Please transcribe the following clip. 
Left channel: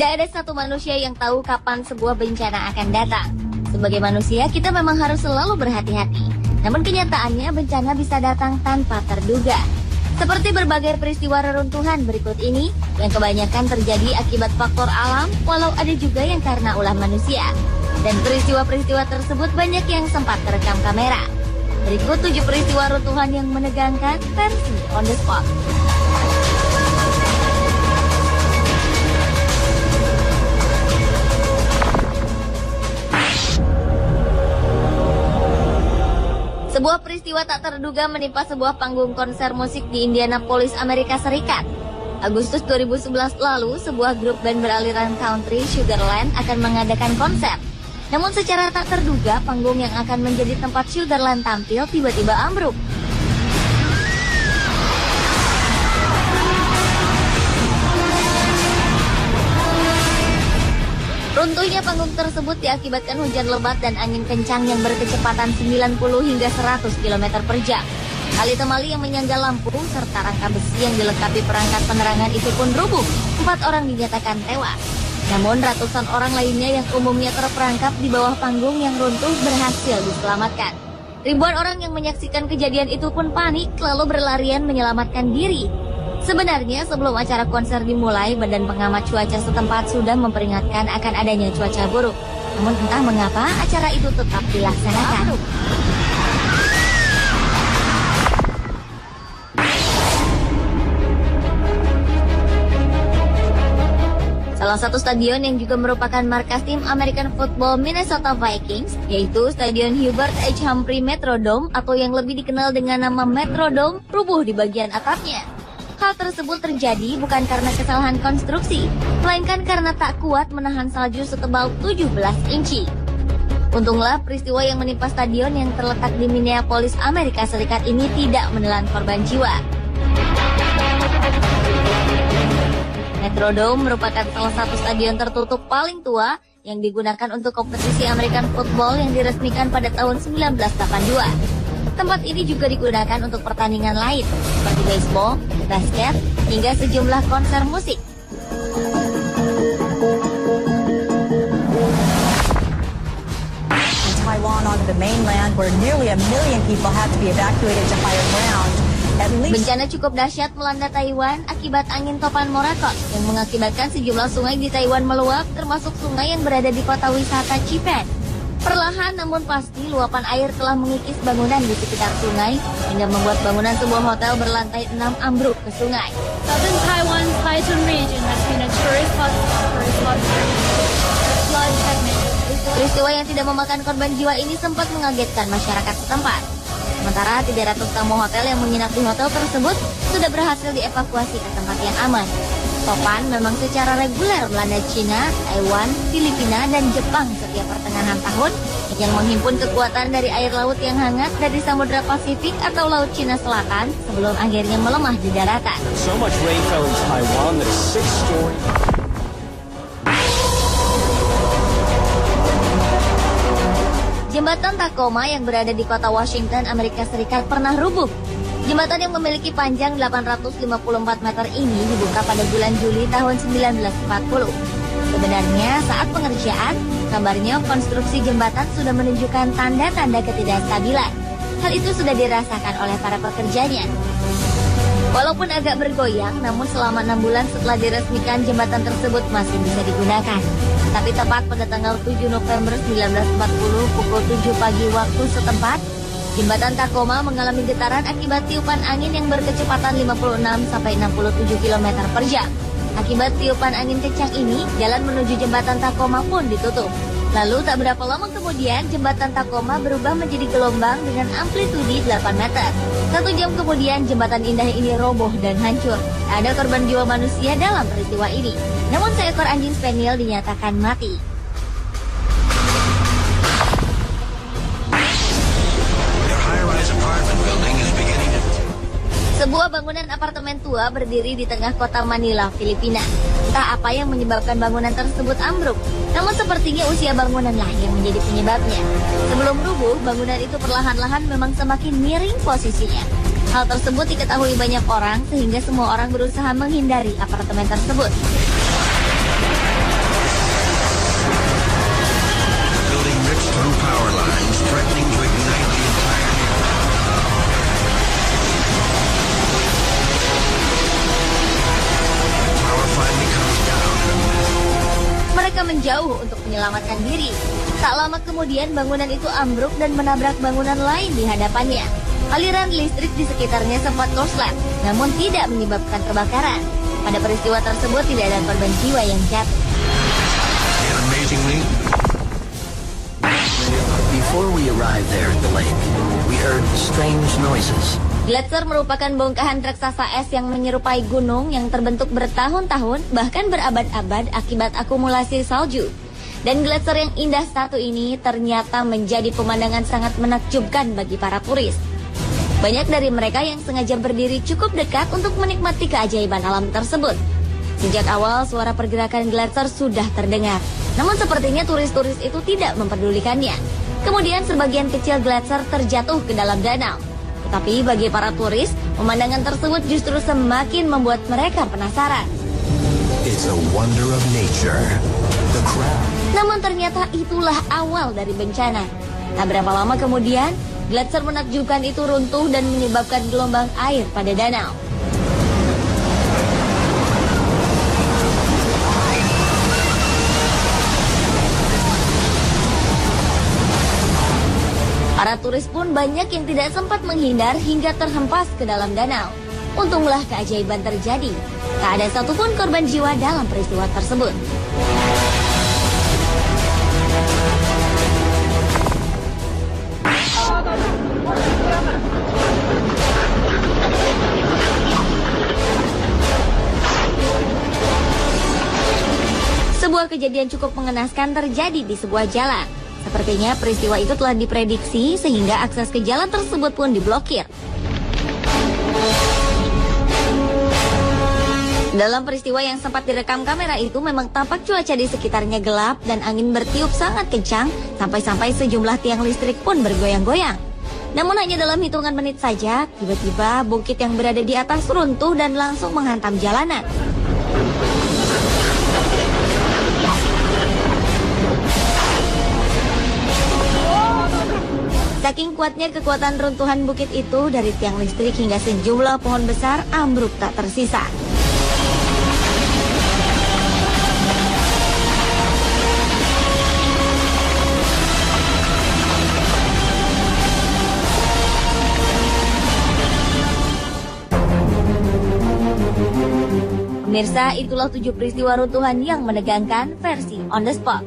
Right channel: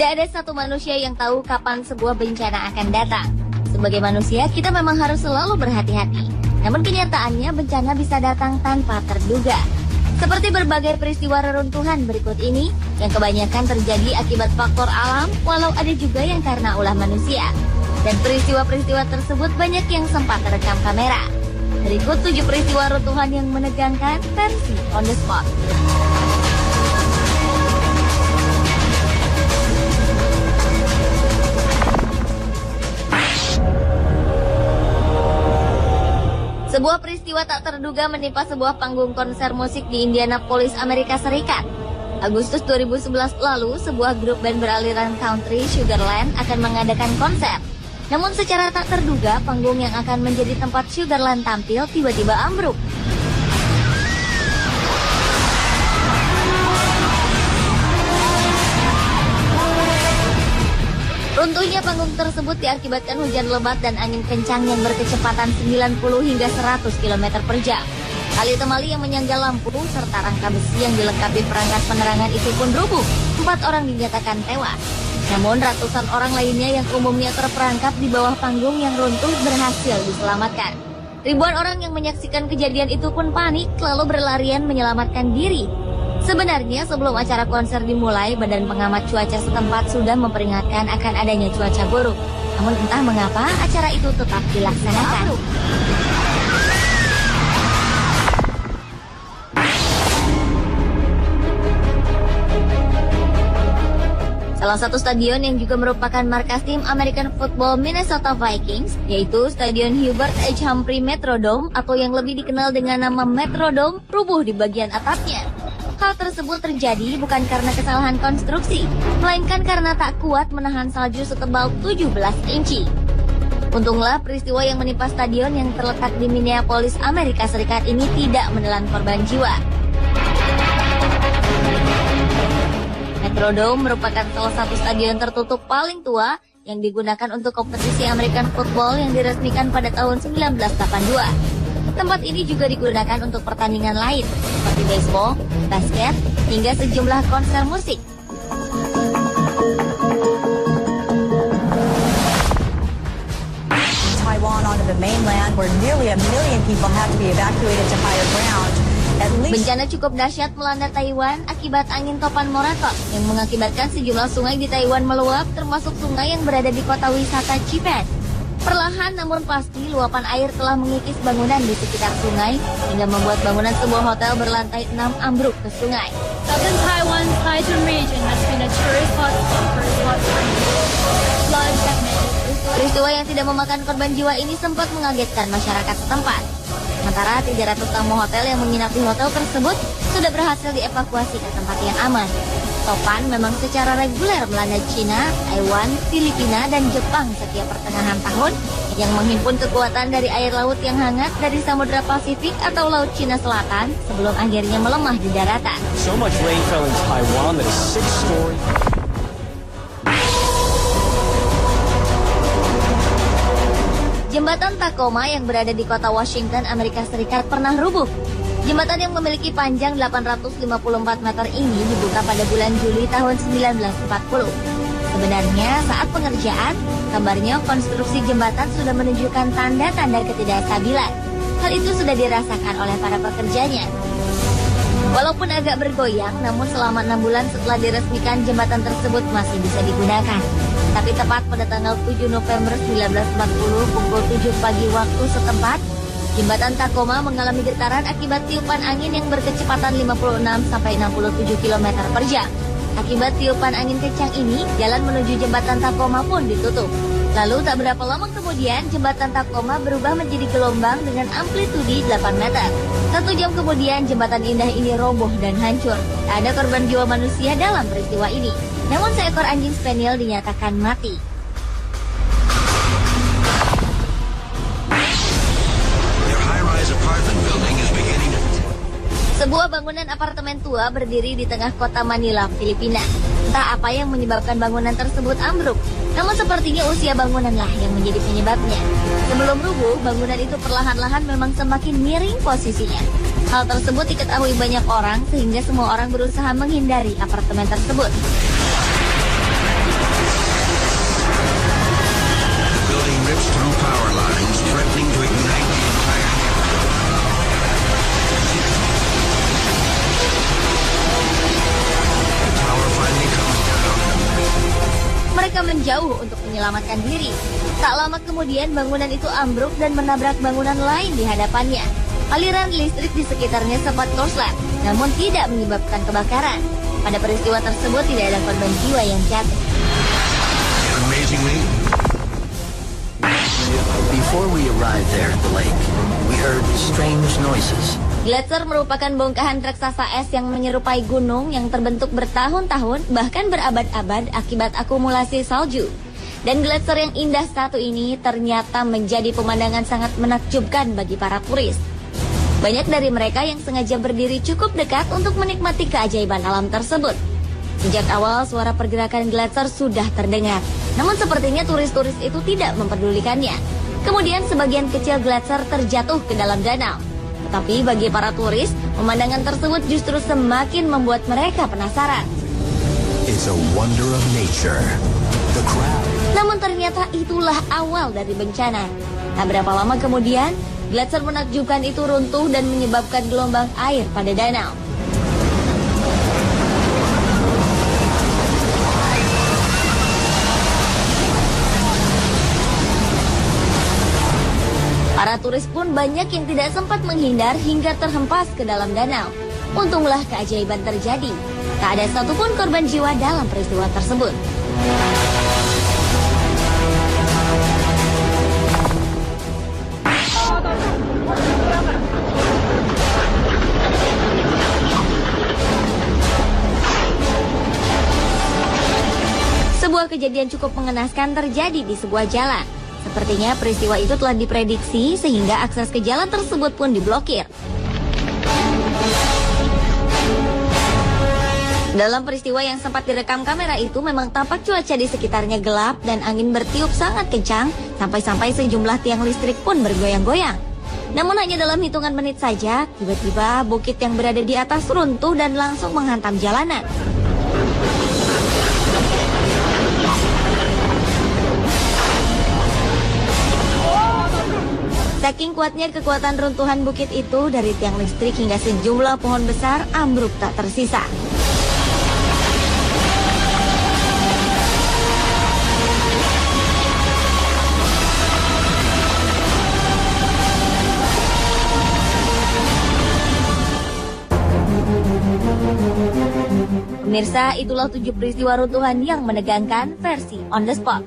Tidak ada satu manusia yang tahu kapan sebuah bencana akan datang. Sebagai manusia, kita memang harus selalu berhati-hati. Namun kenyataannya bencana bisa datang tanpa terduga. Seperti berbagai peristiwa reruntuhan berikut ini, yang kebanyakan terjadi akibat faktor alam, walau ada juga yang karena ulah manusia. Dan peristiwa-peristiwa tersebut banyak yang sempat terekam kamera. Berikut 7 peristiwa runtuhan yang menegangkan versi on the spot. Sebuah peristiwa tak terduga menimpa sebuah panggung konser musik di Indianapolis, Amerika Serikat. Agustus 2011 lalu, sebuah grup band beraliran country, Sugarland, akan mengadakan konser. Namun secara tak terduga, panggung yang akan menjadi tempat Sugarland tampil tiba-tiba ambruk. Runtuhnya panggung tersebut diakibatkan hujan lebat dan angin kencang yang berkecepatan 90 hingga 100 km per jam. Tali temali yang menyangga lampu serta rangka besi yang dilengkapi perangkat penerangan itu pun rubuh. 4 orang dinyatakan tewas. Namun ratusan orang lainnya yang umumnya terperangkap di bawah panggung yang runtuh berhasil diselamatkan. Ribuan orang yang menyaksikan kejadian itu pun panik lalu berlarian menyelamatkan diri. Sebenarnya sebelum acara konser dimulai, Badan Pengamat Cuaca setempat sudah memperingatkan akan adanya cuaca buruk. Namun entah mengapa acara itu tetap dilaksanakan. Salah satu stadion yang juga merupakan markas tim American Football Minnesota Vikings, yaitu Stadion Hubert H. Humphrey Metrodome atau yang lebih dikenal dengan nama Metrodome, rubuh di bagian atapnya. Hal tersebut terjadi bukan karena kesalahan konstruksi, melainkan karena tak kuat menahan salju setebal 17 inci. Untunglah peristiwa yang menimpa stadion yang terletak di Minneapolis, Amerika Serikat ini tidak menelan korban jiwa. Metrodome merupakan salah satu stadion tertutup paling tua yang digunakan untuk kompetisi American Football yang diresmikan pada tahun 1982. Tempat ini juga digunakan untuk pertandingan lain, seperti baseball, basket, hingga sejumlah konser musik. Taiwan on the mainland, where nearly 1 million people had to be evacuated to higher ground. Bencana cukup dahsyat melanda Taiwan akibat angin topan Morakot yang mengakibatkan sejumlah sungai di Taiwan meluap, termasuk sungai yang berada di kota wisata Chipen. Perlahan namun pasti luapan air telah mengikis bangunan di sekitar sungai hingga membuat bangunan sebuah hotel berlantai 6 ambruk ke sungai. Southern Taiwan's Taichung region has been a tourist hotspot for flood. Peristiwa yang tidak memakan korban jiwa ini sempat mengagetkan masyarakat setempat. Sementara 300 tamu hotel yang menginap di hotel tersebut sudah berhasil dievakuasi ke tempat yang aman. Topan memang secara reguler melanda Cina, Taiwan, Filipina, dan Jepang setiap pertengahan tahun yang menghimpun kekuatan dari air laut yang hangat dari Samudra Pasifik atau Laut Cina Selatan sebelum akhirnya melemah di daratan. So much rain fell in Taiwan that 6-story. Jembatan Tacoma yang berada di kota Washington, Amerika Serikat pernah rubuh. Jembatan yang memiliki panjang 854 meter ini dibuka pada bulan Juli tahun 1940. Sebenarnya saat pengerjaan, kabarnya konstruksi jembatan sudah menunjukkan tanda-tanda ketidakstabilan. Hal itu sudah dirasakan oleh para pekerjanya. Walaupun agak bergoyang, namun selama 6 bulan setelah diresmikan jembatan tersebut masih bisa digunakan. Tapi tepat pada tanggal 7 November 1940 pukul 7 pagi waktu setempat, jembatan Tacoma mengalami getaran akibat tiupan angin yang berkecepatan 56-67 km per jam. Akibat tiupan angin kencang ini, jalan menuju jembatan Tacoma pun ditutup. Lalu tak berapa lama kemudian, jembatan Tacoma berubah menjadi gelombang dengan amplitudi 8 meter. 1 jam kemudian, jembatan indah ini roboh dan hancur. Tak ada korban jiwa manusia dalam peristiwa ini. Namun seekor anjing spaniel dinyatakan mati. Sebuah bangunan apartemen tua berdiri di tengah kota Manila, Filipina. Entah apa yang menyebabkan bangunan tersebut ambruk, namun sepertinya usia bangunanlah yang menjadi penyebabnya. Sebelum rubuh, bangunan itu perlahan-lahan memang semakin miring posisinya. Hal tersebut diketahui banyak orang sehingga semua orang berusaha menghindari apartemen tersebut. from power lines, threatening to ignite the entire network. Tower finally comes down. Mereka menjauh untuk menyelamatkan diri. Tak lama kemudian bangunan itu ambruk dan menabrak bangunan lain di hadapannya. Aliran listrik di sekitarnya sempat korslet, namun tidak menyebabkan kebakaran. Pada peristiwa tersebut tidak ada korban jiwa yang jatuh. Amazingly, Before we arrived there at the lake, we heard strange noises. Gletser merupakan bongkahan raksasa es yang menyerupai gunung yang terbentuk bertahun-tahun, bahkan berabad-abad akibat akumulasi salju. Dan gletser yang indah satu ini ternyata menjadi pemandangan sangat menakjubkan bagi para turis. Banyak dari mereka yang sengaja berdiri cukup dekat untuk menikmati keajaiban alam tersebut. Sejak awal suara pergerakan gletser sudah terdengar, namun sepertinya turis-turis itu tidak memperdulikannya. Kemudian sebagian kecil gletser terjatuh ke dalam danau. Tetapi bagi para turis, pemandangan tersebut justru semakin membuat mereka penasaran. it's a wonder of nature. The crowd. Namun ternyata itulah awal dari bencana. Tak berapa lama kemudian, gletser menakjubkan itu runtuh dan menyebabkan gelombang air pada danau. Para turis pun banyak yang tidak sempat menghindar hingga terhempas ke dalam danau. Untunglah keajaiban terjadi. Tak ada satupun korban jiwa dalam peristiwa tersebut. Sebuah kejadian cukup mengenaskan terjadi di sebuah jalan. Sepertinya peristiwa itu telah diprediksi sehingga akses ke jalan tersebut pun diblokir. Dalam peristiwa yang sempat direkam kamera itu memang tampak cuaca di sekitarnya gelap dan angin bertiup sangat kencang sampai-sampai sejumlah tiang listrik pun bergoyang-goyang. Namun hanya dalam hitungan menit saja, tiba-tiba bukit yang berada di atas runtuh dan langsung menghantam jalanan. Saking kuatnya kekuatan runtuhan bukit itu, dari tiang listrik hingga sejumlah pohon besar ambruk tak tersisa. Pemirsa, itulah 7 peristiwa runtuhan yang menegangkan versi On The Spot.